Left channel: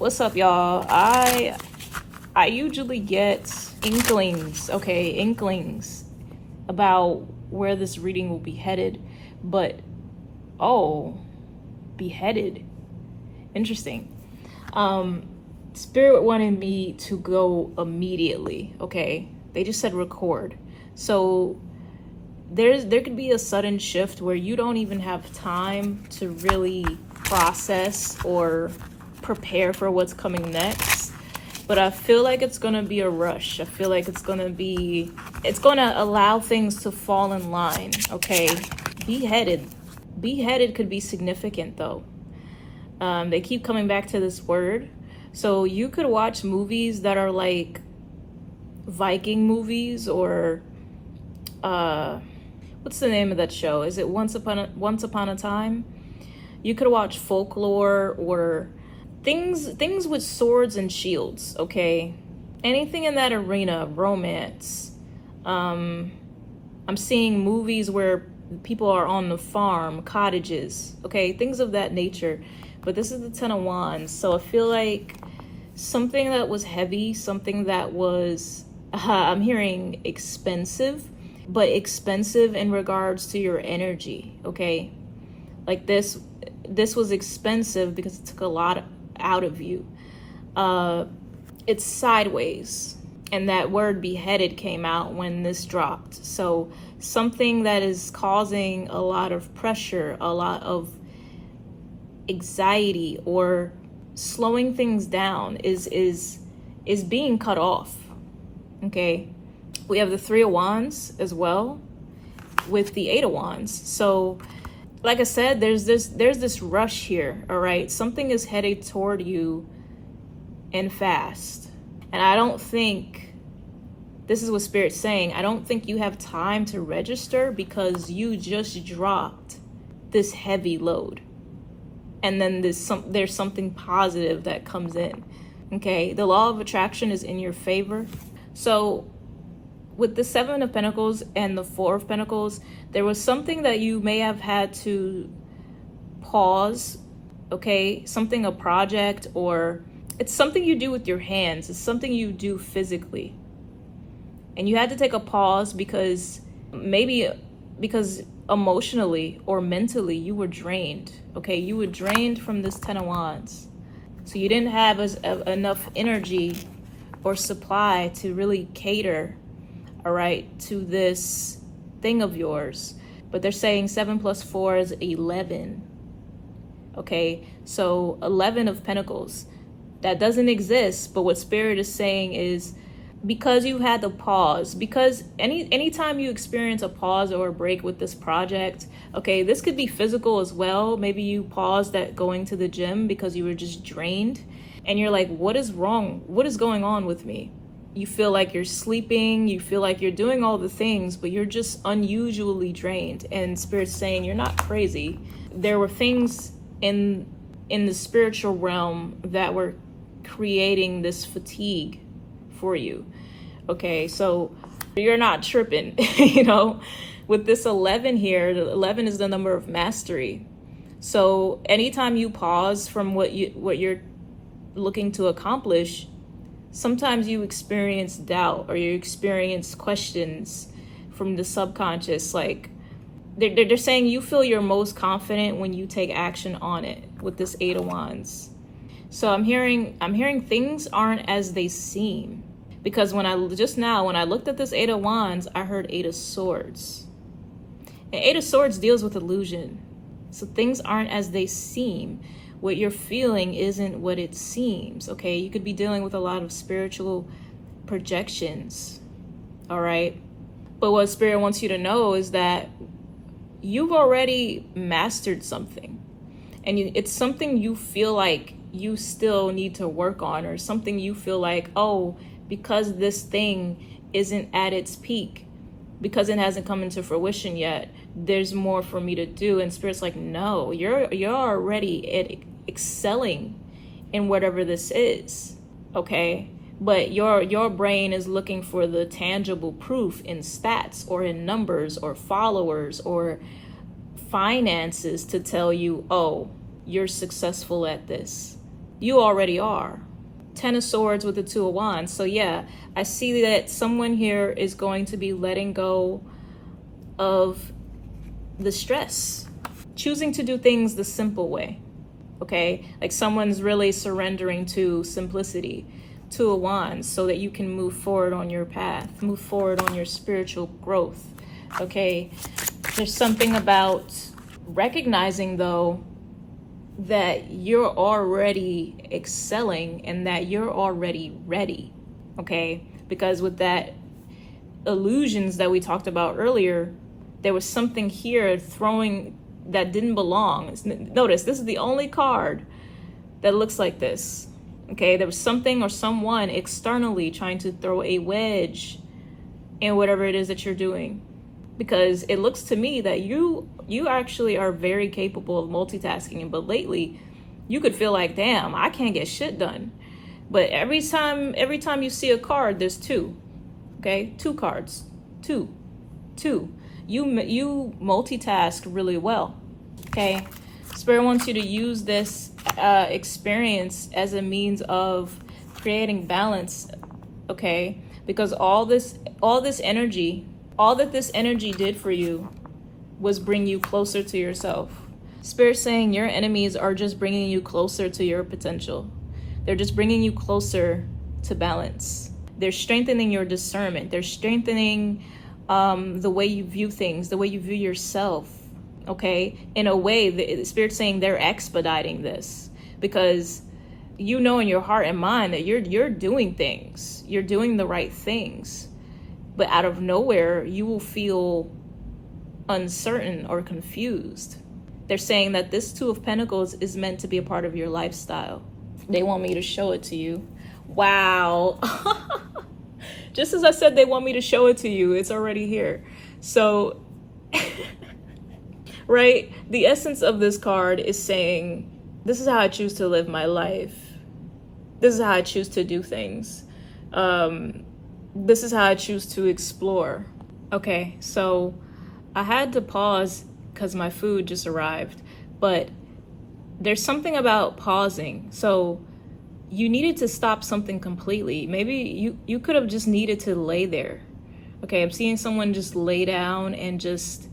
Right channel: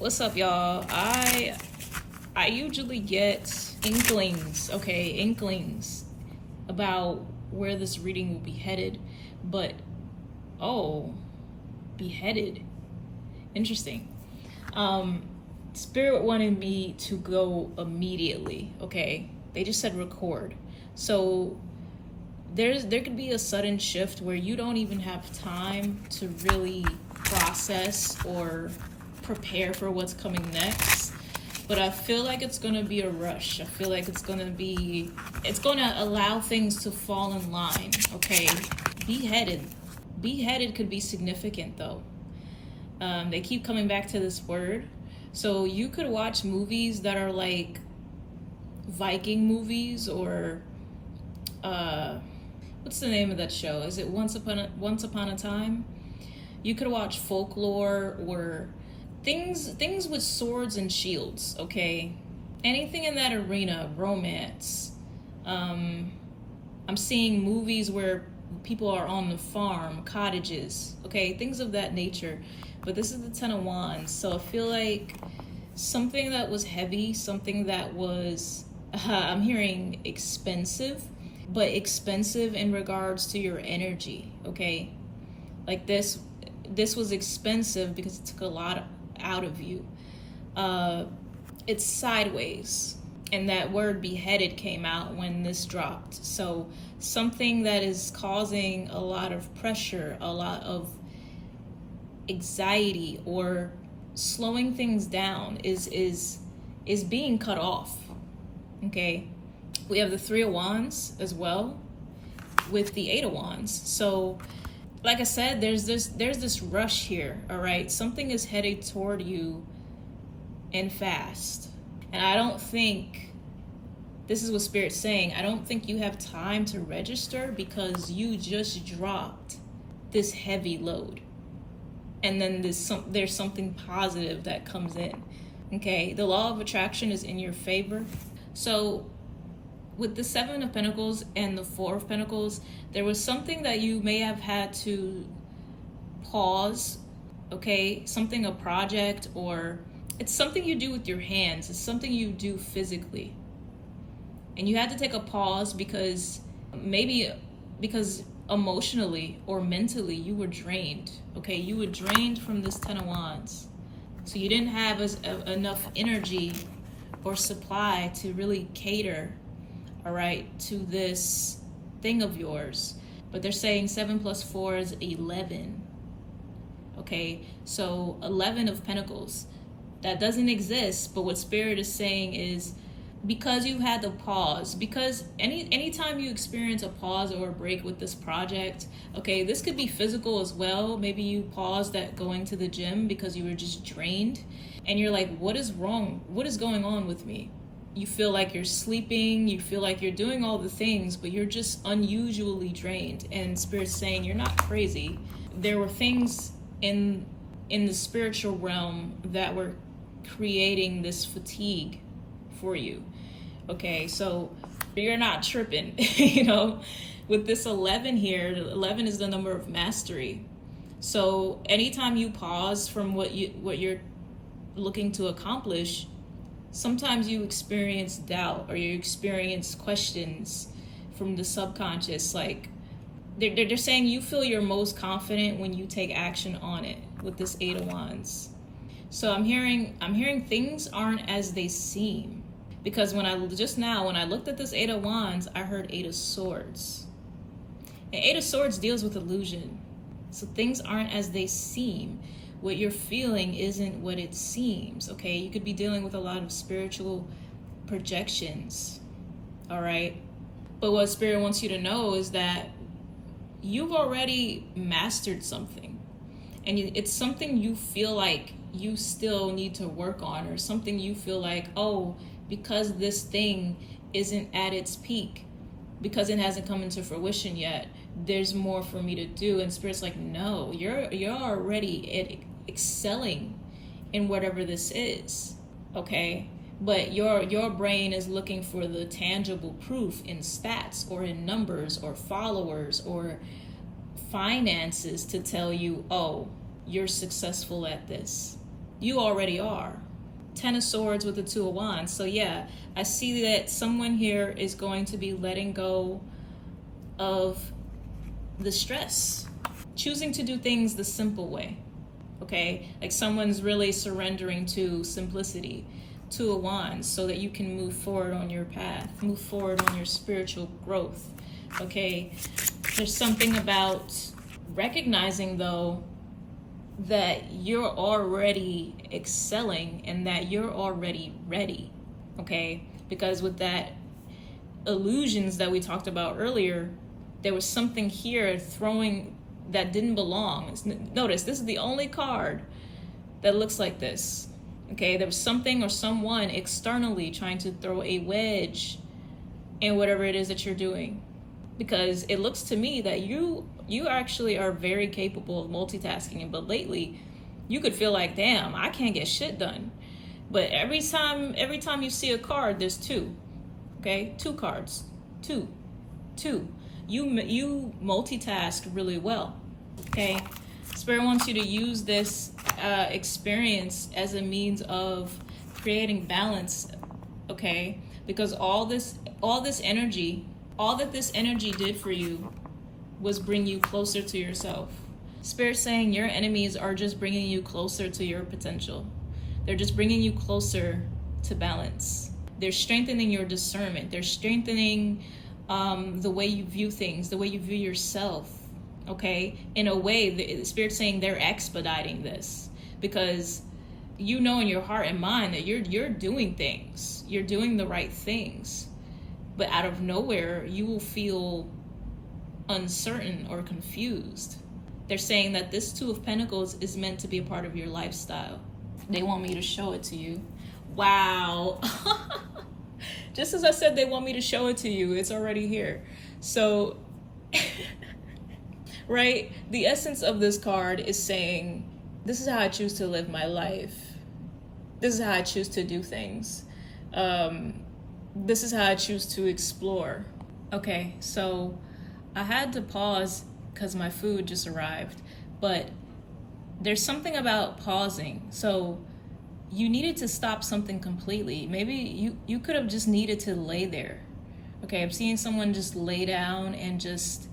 What's up, y'all? I usually get inklings, about where this reading will be headed, but beheaded. Interesting. Spirit wanted me to go immediately, okay? They just said record. So there could be a sudden shift where you don't even have time to really process or prepare for what's coming next. But I feel like it's gonna be a rush. I feel like it's gonna allow things to fall in line, okay? Beheaded could be significant though. They keep coming back to this word. So you could watch movies that are like Viking movies, or what's the name of that show? Is it Once Upon a Time? You could watch folklore or things with swords and shields, okay? Anything in that arena, romance. I'm seeing movies where people are on the farm, cottages, okay? Things of that nature. But this is the Ten of Wands, so I feel like something that was heavy, something that was, I'm hearing expensive, but expensive in regards to your energy, okay? Like this was expensive because it took a lot out of you. It's sideways, and that word beheaded came out when this dropped. So something that is causing a lot of pressure, a lot of anxiety, or slowing things down is being cut off, okay? We have the Three of Wands as well with the Eight of Wands. So like I said, there's this rush here, all right? Something is headed toward you and fast. And I don't think, this is what Spirit's saying, I don't think you have time to register because you just dropped this heavy load. And then there's something positive that comes in, okay? The law of attraction is in your favor. So with the Seven of Pentacles and the Four of Pentacles, there was something that you may have had to pause, okay? A project, or it's something you do with your hands. It's something you do physically. And you had to take a pause because emotionally or mentally you were drained, okay? You were drained from this Ten of Wands. So you didn't have enough energy or supply to really cater, all right, to this thing of yours. But they're saying 7 plus 4 is 11, okay? So 11 of Pentacles, that doesn't exist, but what Spirit is saying is, because you had to pause, because anytime you experience a pause or a break with this project, okay, this could be physical as well. Maybe you paused at going to the gym because you were just drained and you're like, what is wrong? What is going on with me? You feel like you're sleeping, you feel like you're doing all the things, but you're just unusually drained. And Spirit's saying you're not crazy. There were things in the spiritual realm that were creating this fatigue for you, okay? So you're not tripping, you know? With this 11 here, 11 is the number of mastery. So anytime you pause from what you're looking to accomplish, sometimes you experience doubt or you experience questions from the subconscious. Like they're saying you feel your most confident when you take action on it with this Eight of Wands. So I'm hearing things aren't as they seem, because when I looked at this Eight of Wands, I heard Eight of Swords. And Eight of Swords deals with illusion. So things aren't as they seem. What you're feeling isn't what it seems, okay? You could be dealing with a lot of spiritual projections, all right? But what Spirit wants you to know is that you've already mastered something. And it's something you feel like you still need to work on, or something you feel like, oh, because this thing isn't at its peak, because it hasn't come into fruition yet, there's more for me to do. And Spirit's like, no, you're already excelling in whatever this is, okay? But your brain is looking for the tangible proof in stats or in numbers or followers or finances to tell you, oh, you're successful at this. You already are. 10 of Swords with the 2 of Wands. So yeah, I see that someone here is going to be letting go of the stress, choosing to do things the simple way. Okay, like someone's really surrendering to simplicity, 2 of Wands, so that you can move forward on your path, move forward on your spiritual growth. Okay, there's something about recognizing though that you're already excelling and that you're already ready. Okay, because with that illusions that we talked about earlier, there was something here throwing that didn't belong. Notice this is the only card that looks like this. Okay, there was something or someone externally trying to throw a wedge in whatever it is that you're doing, because it looks to me that you actually are very capable of multitasking, but lately you could feel like, damn, I can't get shit done. But every time you see a card, there's two. Okay, 2 cards, two. You multitask really well. Okay, Spirit wants you to use this experience as a means of creating balance. Okay, because all this energy, all that this energy did for you was bring you closer to yourself. Spirit saying your enemies are just bringing you closer to your potential. They're just bringing you closer to balance. They're strengthening your discernment. They're strengthening the way you view things, the way you view yourself. Okay, in a way, the Spirit's saying they're expediting this, because you know in your heart and mind that you're doing things, you're doing the right things, but out of nowhere you will feel uncertain or confused. They're saying that this 2 of Pentacles is meant to be a part of your lifestyle. They want me to show it to you. Wow. Just as I said they want me to show it to you, it's already here. So right, the essence of this card is saying, this is how I choose to live my life. This is how I choose to do things. This is how I choose to explore. Okay, so I had to pause because my food just arrived, but there's something about pausing. So you needed to stop something completely. Maybe you could have just needed to lay there. Okay, I'm seeing someone just lay down and just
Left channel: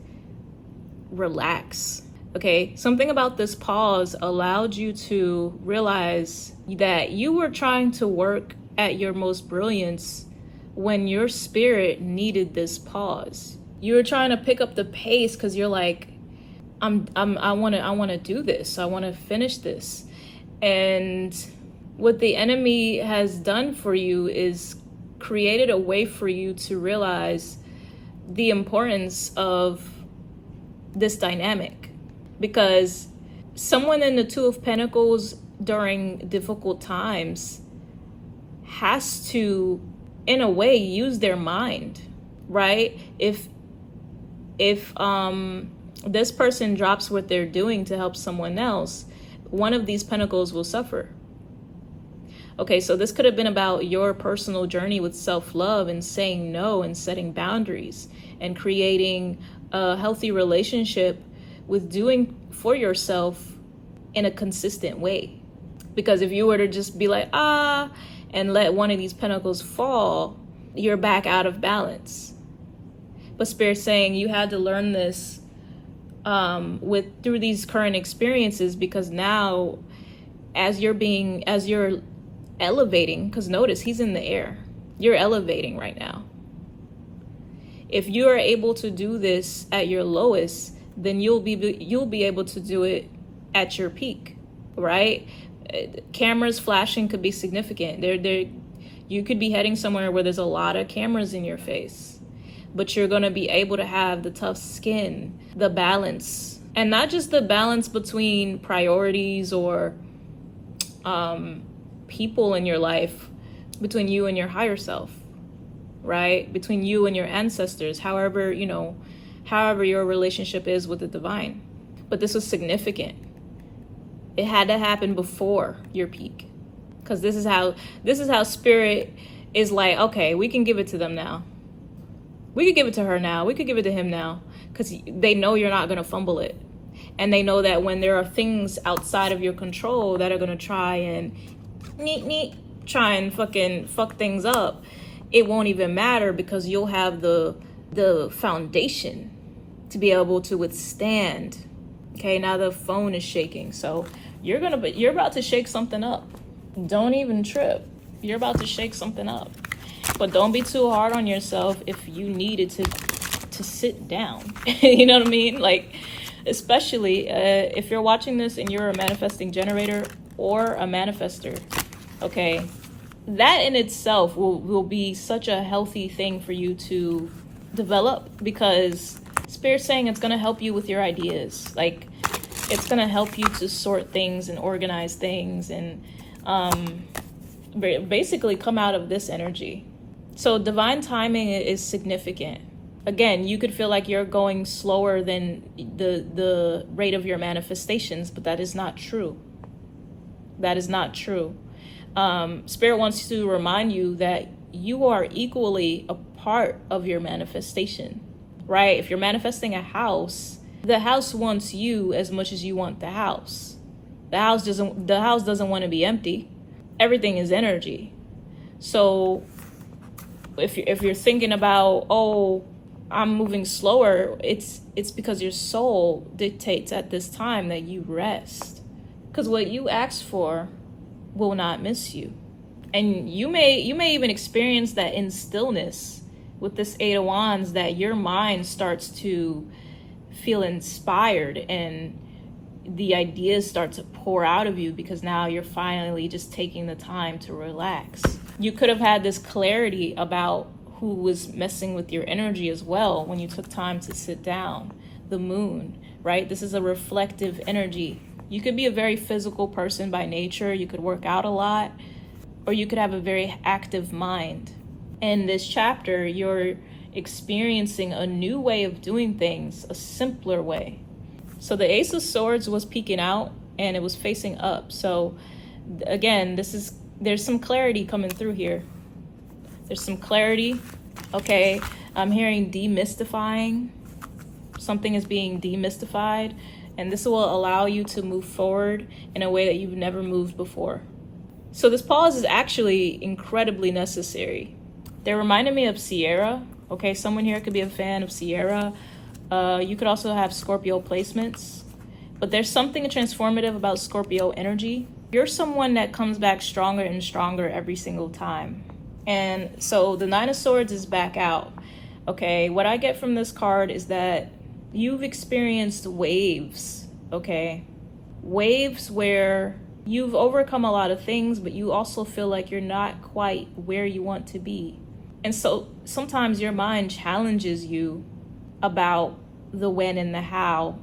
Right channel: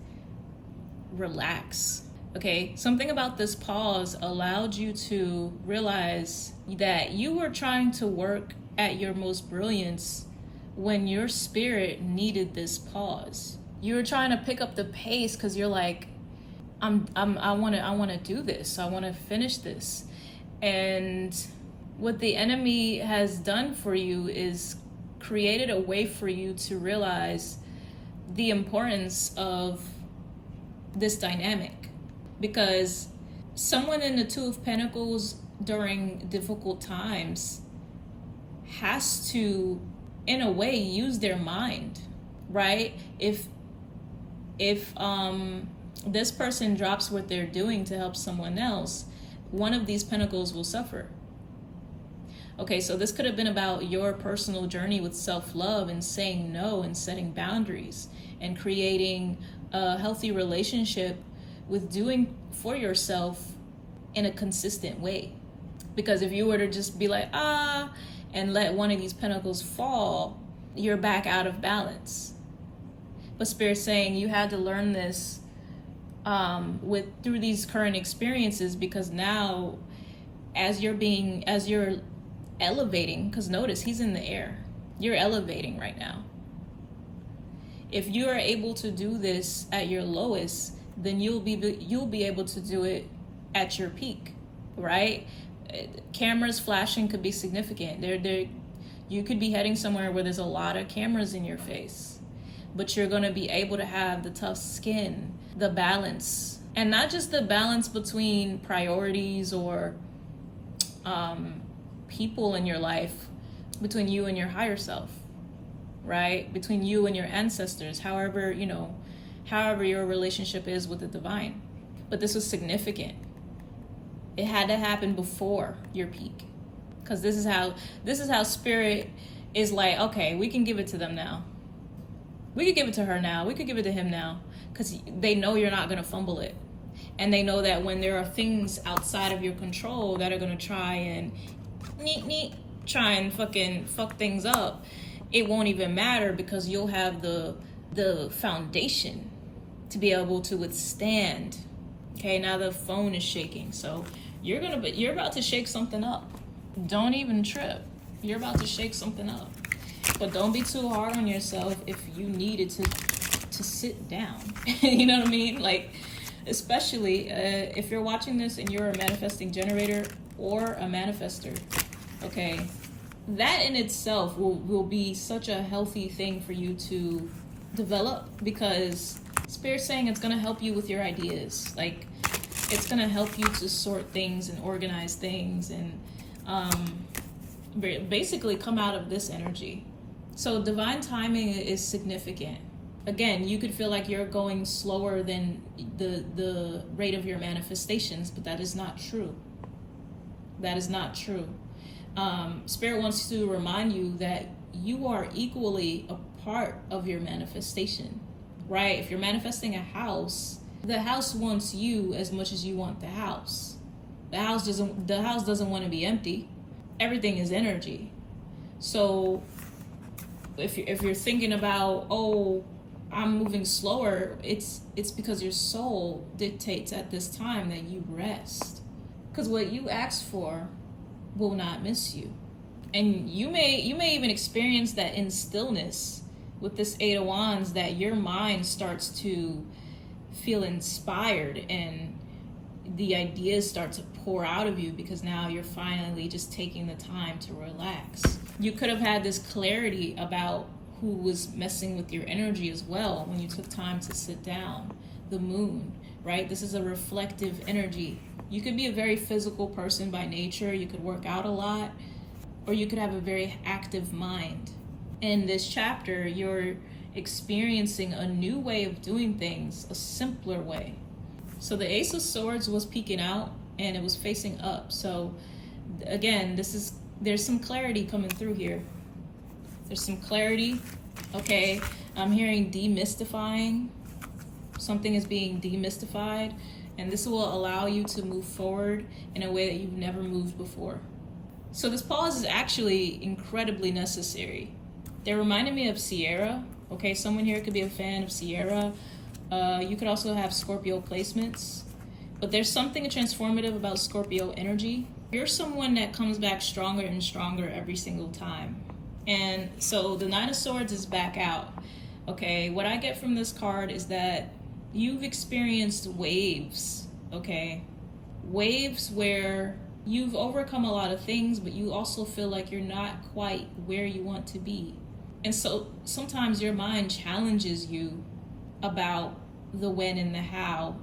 relax. Okay, something about this pause allowed you to realize that you were trying to work at your most brilliance when your spirit needed this pause. You were trying to pick up the pace because you're like, I want to do this. I want to finish this. And what the enemy has done for you is created a way for you to realize the importance of this dynamic, because someone in the 2 of Pentacles during difficult times has to, in a way, use their mind, right? If this person drops what they're doing to help someone else, one of these pentacles will suffer. Okay, so this could have been about your personal journey with self-love and saying no and setting boundaries and creating a healthy relationship with doing for yourself in a consistent way. Because if you were to just be like, and let one of these pentacles fall, you're back out of balance. But Spirit's saying you had to learn this through these current experiences, because now as you're elevating, because notice he's in the air, you're elevating right now. If you are able to do this at your lowest, then you'll be able to do it at your peak, right? Cameras flashing could be significant. You could be heading somewhere where there's a lot of cameras in your face, but you're going to be able to have the tough skin, the balance, and not just the balance between priorities or people in your life, between you and your higher self, right? Between you and your ancestors, however your relationship is with the divine. But this was significant. It had to happen before your peak, because this is how Spirit is like, okay, we can give it to them now. We could give it to her now. We could give it to him now, because they know you're not going to fumble it. And they know that when there are things outside of your control that are going to try and try and fucking fuck things up, it won't even matter, because you'll have the foundation to be able to withstand. Okay, now the phone is shaking, so you're about to shake something up. Don't even trip. You're about to shake something up. But don't be too hard on yourself if you needed to sit down. You know what I mean? Like, especially if you're watching this and you're a manifesting generator or a manifester, okay, that in itself will be such a healthy thing for you to develop, because Spirit's saying it's going to help you with your ideas. Like, it's going to help you to sort things and organize things and basically come out of this energy. So divine timing is significant. Again, you could feel like you're going slower than the rate of your manifestations, but that is not true. That is not true. Spirit wants to remind you that you are equally a part of your manifestation, right? If you're manifesting a house, the house wants you as much as you want the house. The house doesn't want to be empty. Everything is energy. So if you're thinking about, oh, I'm moving slower, it's because your soul dictates at this time that you rest. Because what you asked for will not miss you. And you may even experience that in stillness with this Eight of Wands, that your mind starts to feel inspired and the ideas start to pour out of you, because now you're finally just taking the time to relax. You could have had this clarity about who was messing with your energy as well when you took time to sit down. The moon, right? This is a reflective energy. You could be a very physical person by nature. You could work out a lot, or you could have a very active mind. In this chapter, you're experiencing a new way of doing things, a simpler way. So the Ace of Swords was peeking out and it was facing up. So again, there's some clarity coming through here. There's some clarity. Okay, I'm hearing demystifying. Something is being demystified, and this will allow you to move forward in a way that you've never moved before. So this pause is actually incredibly necessary. They reminded me of Sierra. Okay, someone here could be a fan of Sierra. You could also have Scorpio placements, but there's something transformative about Scorpio energy. You're someone that comes back stronger and stronger every single time. And so the Nine of Swords is back out. Okay, what I get from this card is that you've experienced waves, okay? Waves where you've overcome a lot of things, but you also feel like you're not quite where you want to be. And so sometimes your mind challenges you about the when and the how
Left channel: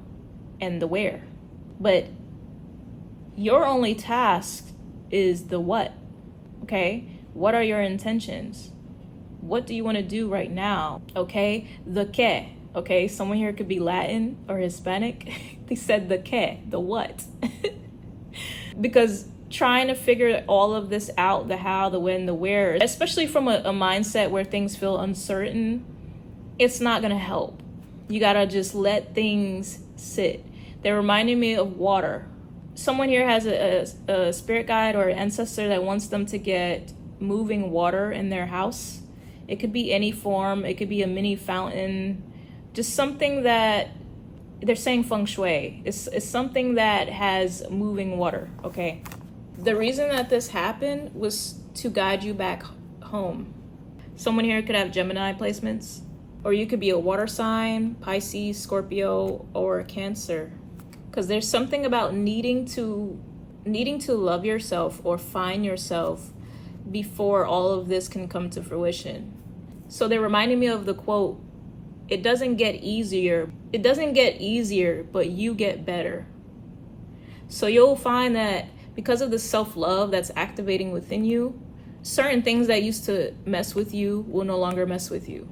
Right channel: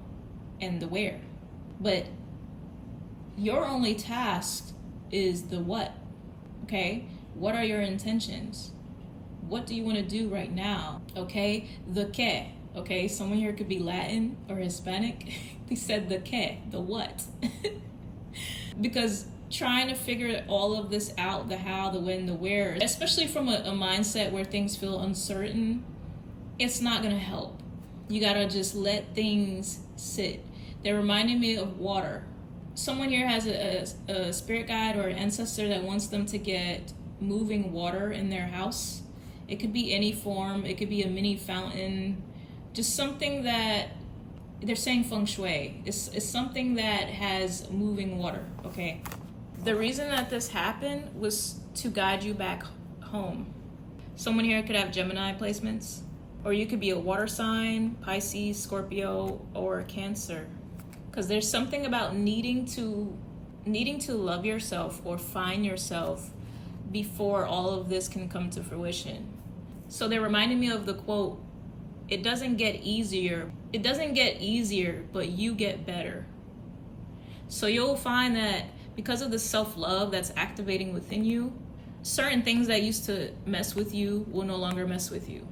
and the where. But your only task is the what, okay? What are your intentions? What do you want to do right now, okay? The que, okay? Someone here could be Latin or Hispanic. They said the que, the what. Because trying to figure all of this out, the how, the when, the where, especially from a mindset where things feel uncertain, it's not gonna help. You gotta just let things sit. They're reminding me of water. Someone here has a spirit guide or an ancestor that wants them to get moving water in their house. It could be any form. It could be a mini fountain, just something that they're saying feng shui. It's something that has moving water, okay? The reason that this happened was to guide you back home. Someone here could have Gemini placements, or you could be a water sign, Pisces, Scorpio, or a Cancer. Because there's something about needing to love yourself or find yourself before all of this can come to fruition. So they're reminding me of the quote, it doesn't get easier, but you get better. So you'll find that because of the self-love that's activating within you, certain things that used to mess with you will no longer mess with you.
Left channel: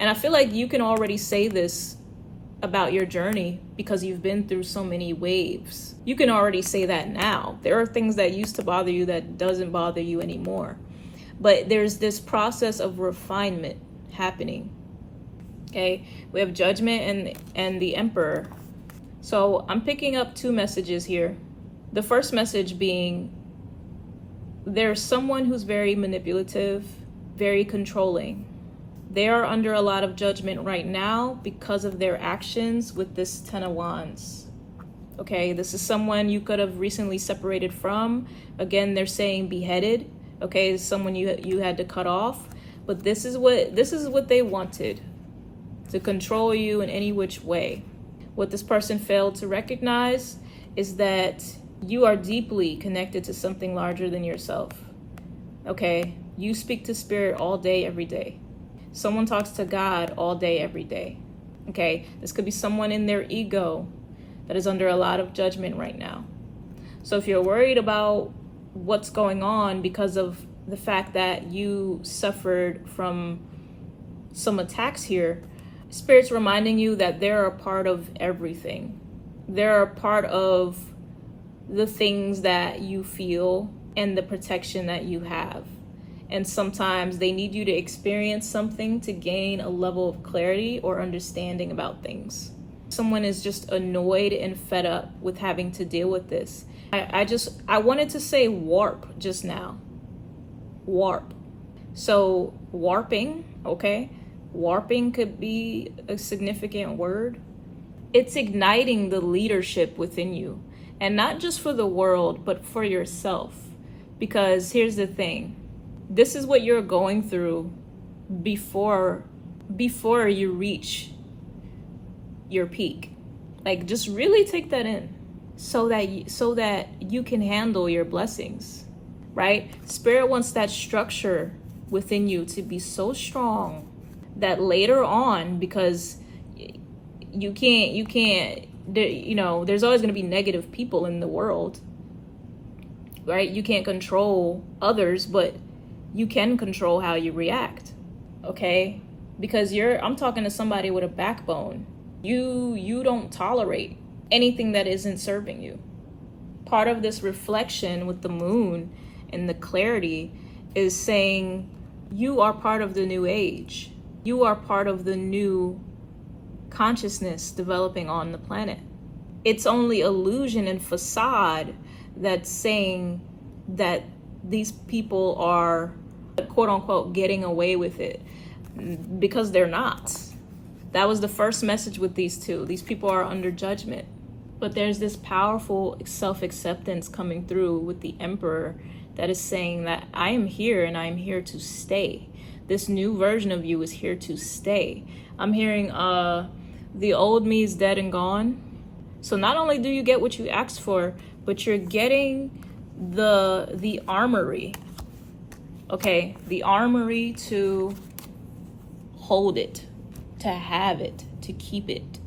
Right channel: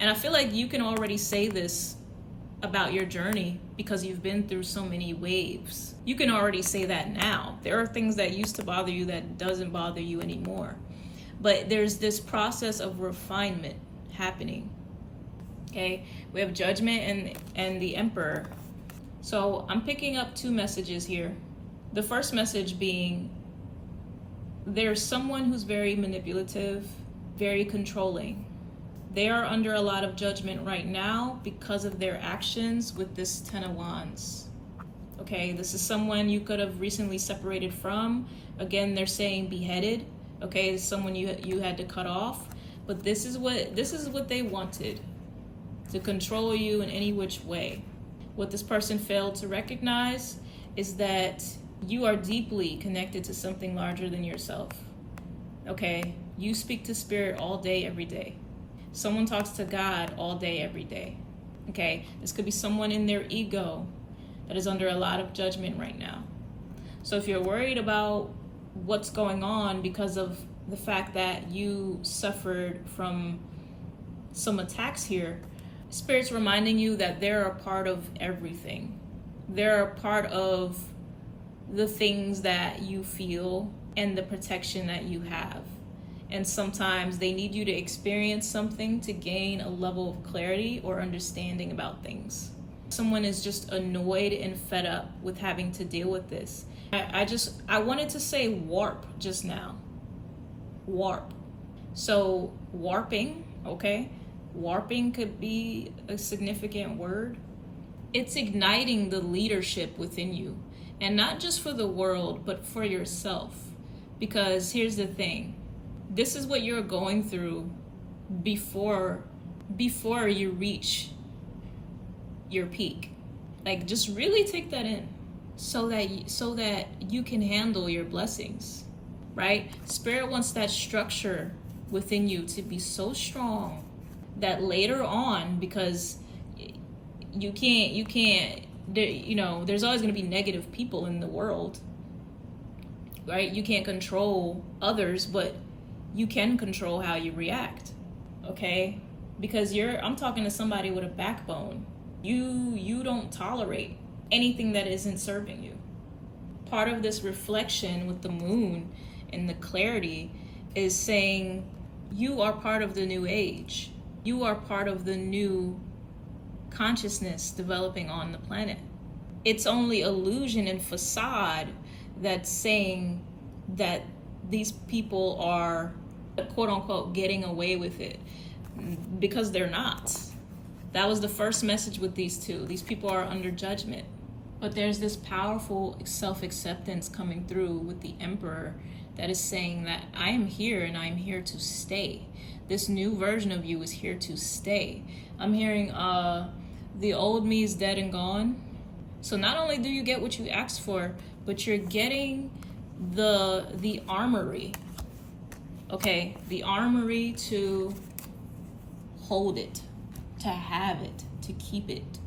And I feel like you can already say this about your journey because you've been through so many waves. You can already say that now. There are things that used to bother you that doesn't bother you anymore. But there's this process of refinement happening. Okay, we have Judgment and the Emperor. So I'm picking up two messages here. The first message being, there's someone who's very manipulative, very controlling. They are under a lot of judgment right now because of their actions with this Ten of Wands. Okay, this is someone you could have recently separated from. Again, they're saying beheaded. Okay, someone you had to cut off. But this is what they wanted, to control you in any which way. What this person failed to recognize is that you are deeply connected to something larger than yourself. Okay, you speak to spirit all day, every day. Someone talks to God all day, every day. Okay, this could be someone in their ego that is under a lot of judgment right now. So if you're worried about what's going on because of the fact that you suffered from some attacks here, Spirit's reminding you that they're a part of everything. They're a part of the things that you feel and the protection that you have. And sometimes they need you to experience something to gain a level of clarity or understanding about things. Someone is just annoyed and fed up with having to deal with this. I wanted to say warp just now. Warp. So warping, okay? Warping could be a significant word. It's igniting the leadership within you. And not just for the world, but for yourself. Because here's the thing. This is what you're going through before you reach your peak. Like, just really take that in so that you can handle your blessings, right? Spirit wants that structure within you to be so strong that later on, because you can't, there's always going to be negative people in the world, right? You can't control others, but you can control how you react, okay? Because I'm talking to somebody with a backbone. You don't tolerate anything that isn't serving you. Part of this reflection with the moon and the clarity is saying you are part of the new age. You are part of the new consciousness developing on the planet. It's only illusion and facade that's saying that these people are, quote unquote, getting away with it, because they're not. That was the first message with these two. These people are under judgment. But there's this powerful self-acceptance coming through with the Emperor that is saying that I am here and I am here to stay. This new version of you is here to stay. I'm hearing the old me is dead and gone. So not only do you get what you asked for, but you're getting the armory. Okay, the armory to hold it, to have it, to keep it.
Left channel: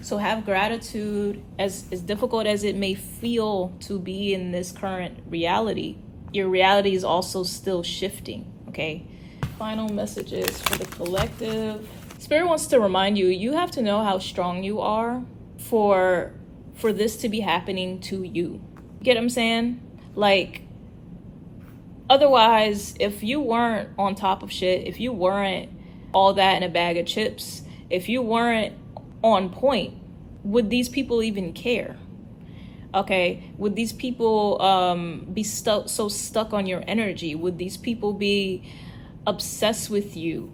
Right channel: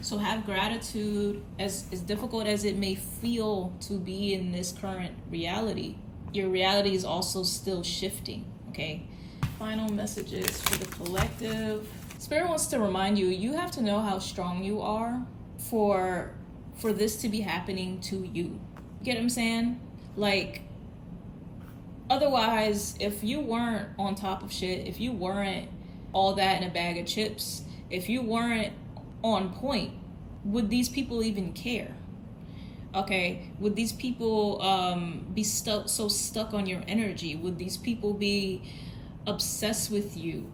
So have gratitude. As difficult as it may feel to be in this current reality, your reality is also still shifting, okay? Final messages for the collective. Spirit wants to remind you, you have to know how strong you are for this to be happening to you. Get what I'm saying? Like, otherwise, if you weren't on top of shit, if you weren't all that in a bag of chips, if you weren't on point, would these people even care? Okay, would these people be so stuck on your energy? Would these people be obsessed with you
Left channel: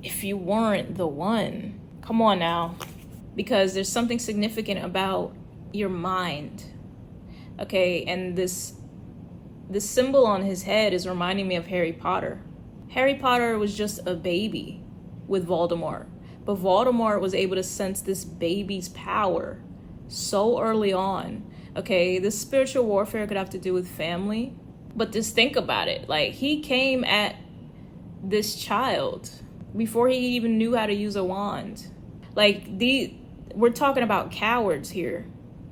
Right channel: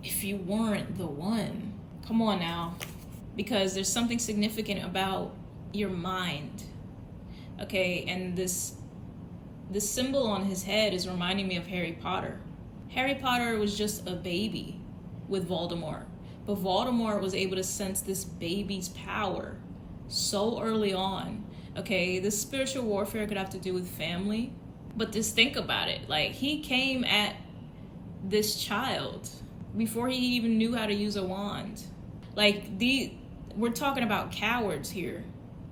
if you weren't the one? Come on now. Because there's something significant about your mind. Okay, and this symbol on his head is reminding me of Harry Potter. Harry Potter was just a baby with Voldemort. But Voldemort was able to sense this baby's power so early on. Okay, this spiritual warfare could have to do with family. But just think about it. Like, he came at this child before he even knew how to use a wand. Like, we're talking about cowards here.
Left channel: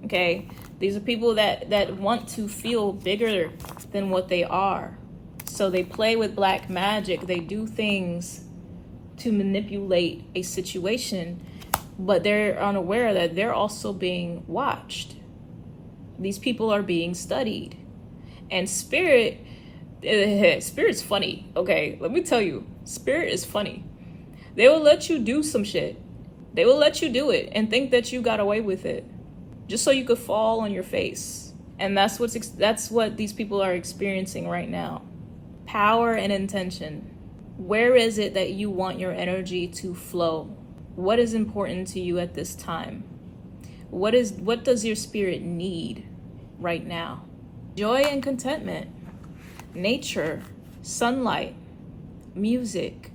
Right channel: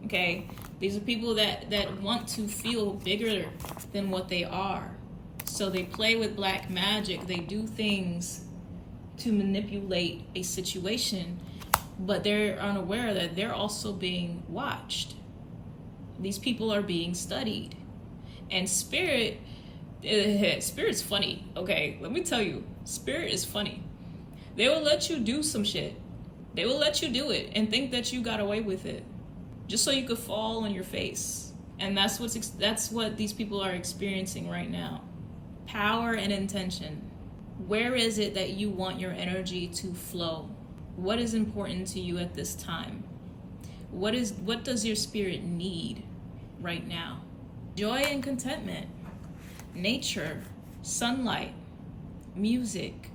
Okay, these are people that want to feel bigger than what they are. So they play with black magic. They do things to manipulate a situation, but they're unaware that they're also being watched. These people are being studied. And Spirit's funny. Okay, let me tell you, Spirit is funny. They will let you do some shit They will let you do it and think that you got away with it just so you could fall on your face. And that's what these people are experiencing right now. Power and intention. Where is it that you want your energy to flow? What is important to you at this time? What does your spirit need right now? Joy and contentment, nature, sunlight, music,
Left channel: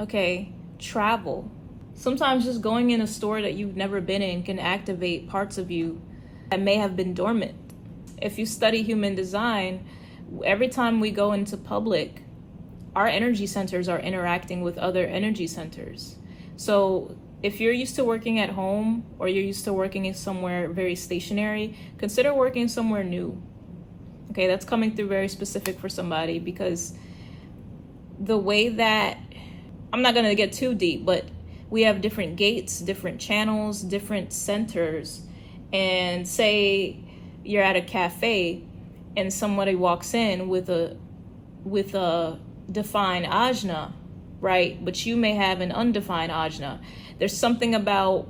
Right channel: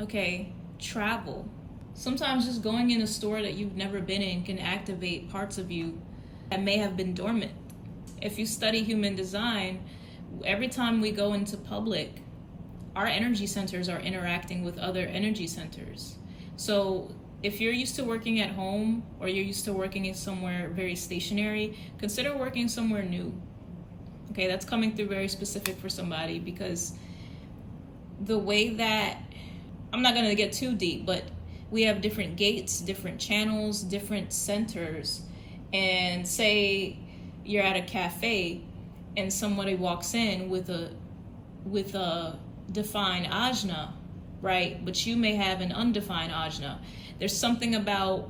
okay, travel. Sometimes just going in a store that you've never been in can activate parts of you that may have been dormant. If you study human design, every time we go into public, our energy centers are interacting with other energy centers. So if you're used to working at home or you're used to working in somewhere very stationary, consider working somewhere new. Okay, that's coming through very specific for somebody, because the way that, I'm not gonna get too deep, but we have different gates, different channels, different centers. And say you're at a cafe and somebody walks in with a defined ajna, right? But you may have an undefined ajna. There's something about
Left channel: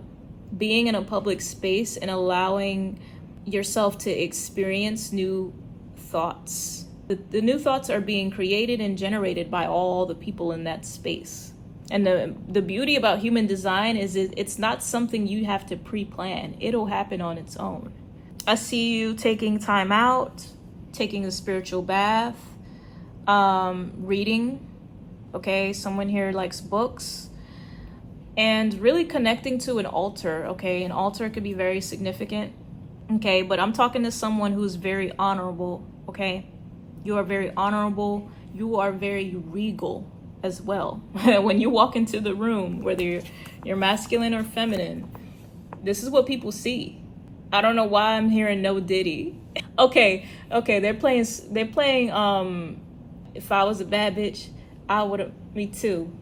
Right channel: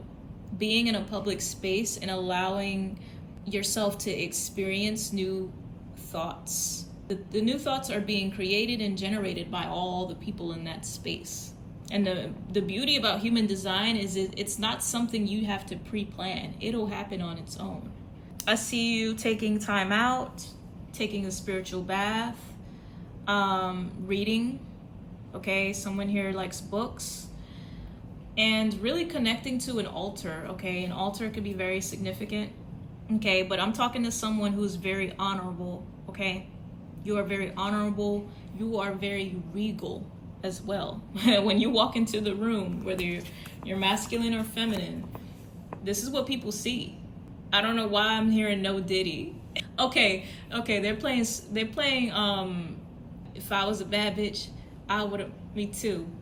being in a public space and allowing yourself to experience new thoughts. The new thoughts are being created and generated by all the people in that space. And the beauty about human design is it's not something you have to pre-plan. It'll happen on its own. I see you taking time out, taking a spiritual bath, reading. Okay, someone here likes books. And really connecting to an altar. Okay, an altar could be very significant. Okay, but I'm talking to someone who's very honorable. Okay, you are very honorable. You are very regal as well. When you walk into the room, whether you're masculine or feminine, this is what people see. I don't know why I'm hearing no Diddy. Okay, they're playing if I was a bad bitch, I would've, me too.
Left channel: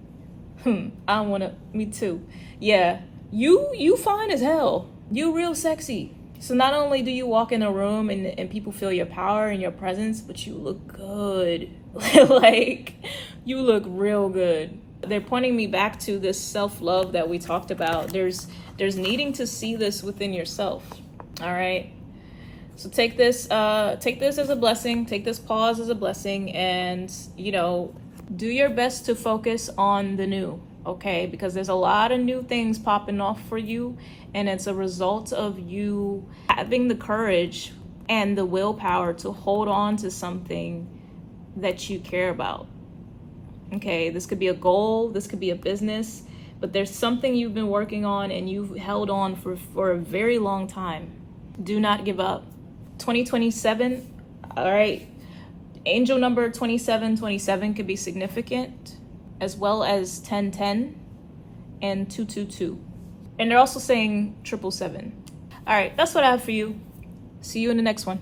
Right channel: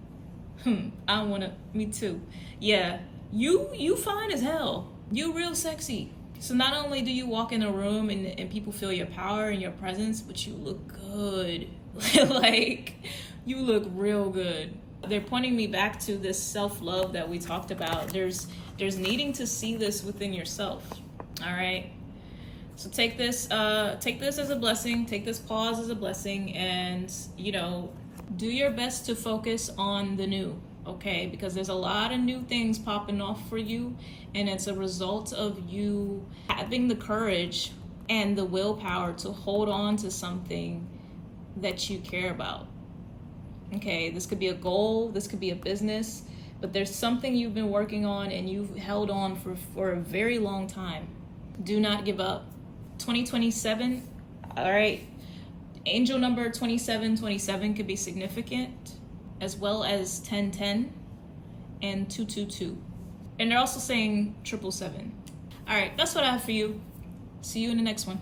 I wanna, me too. Yeah, you fine as hell. You real sexy. So not only do you walk in a room and people feel your power and your presence, but you look good. Like, you look real good. They're pointing me back to this self-love that we talked about. There's needing to see this within yourself. All right. So take this as a blessing. Take this pause as a blessing, and do your best to focus on the new. Okay, because there's a lot of new things popping off for you, and it's a result of you having the courage and the willpower to hold on to something that you care about. Okay, this could be a goal, this could be a business, but there's something you've been working on and you've held on for a very long time. Do not give up. 2027, all right, angel number 2727 could be significant, as well as 1010 and 222. And they're also saying 777. All right, that's what I have for you. See you in the next one.